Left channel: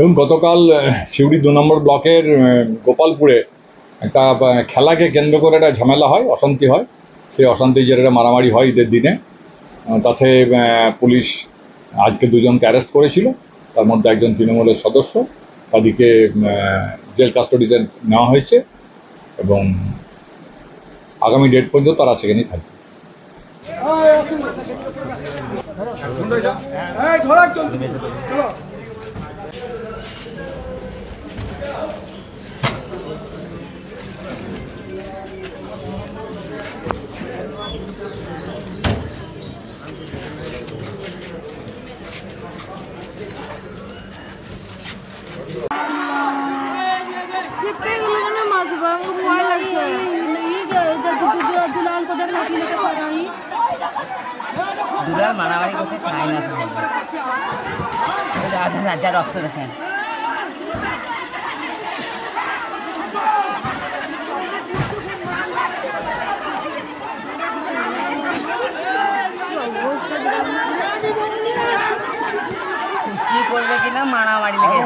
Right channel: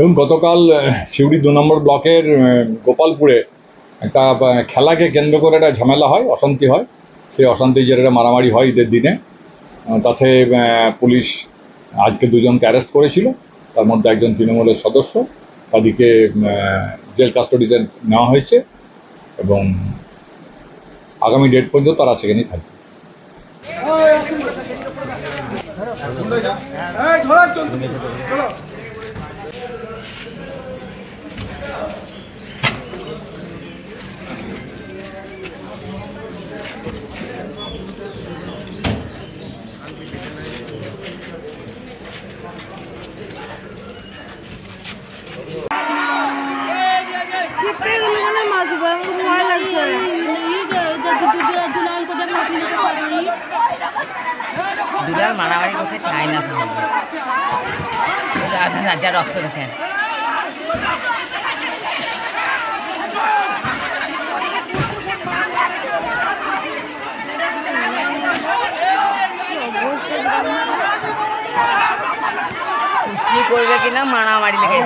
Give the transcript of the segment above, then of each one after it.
এবং গতকাল সিউড়ি ২ নম্বর ব্লকের গোপালপুরে একটা খেলাকে কেন্দ্র করে একটা ঝামেলা হয়, অশান্তি হয়। সেই অশান্তি জেরে মারামারি হয় ঈদের দিনে। তাতে পুলিশ আজকে ২ জনকে অ্যারেস্ট করেছিল, তার মধ্যে একজন তৃণমূলের সদস্য। তাদেরকে জেল কাস্টডিতে নেওয়া হয়েছে এবং আগামী ডেট পর্যন্ত তারা সেখানেই থাকবে। দুবার মারামারি করতে চায় না, আধা রাজা রক্ত দেখেন। কি করবে কিনা মারামারি লেগে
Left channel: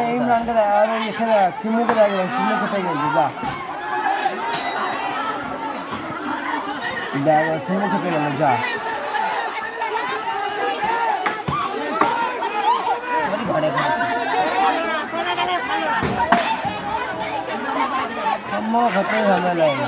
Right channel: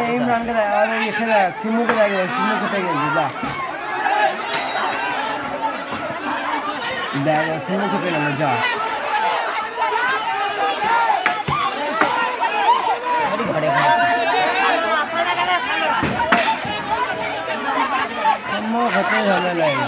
খেতে গেল যা ঘরে খেতে ঝামেলা।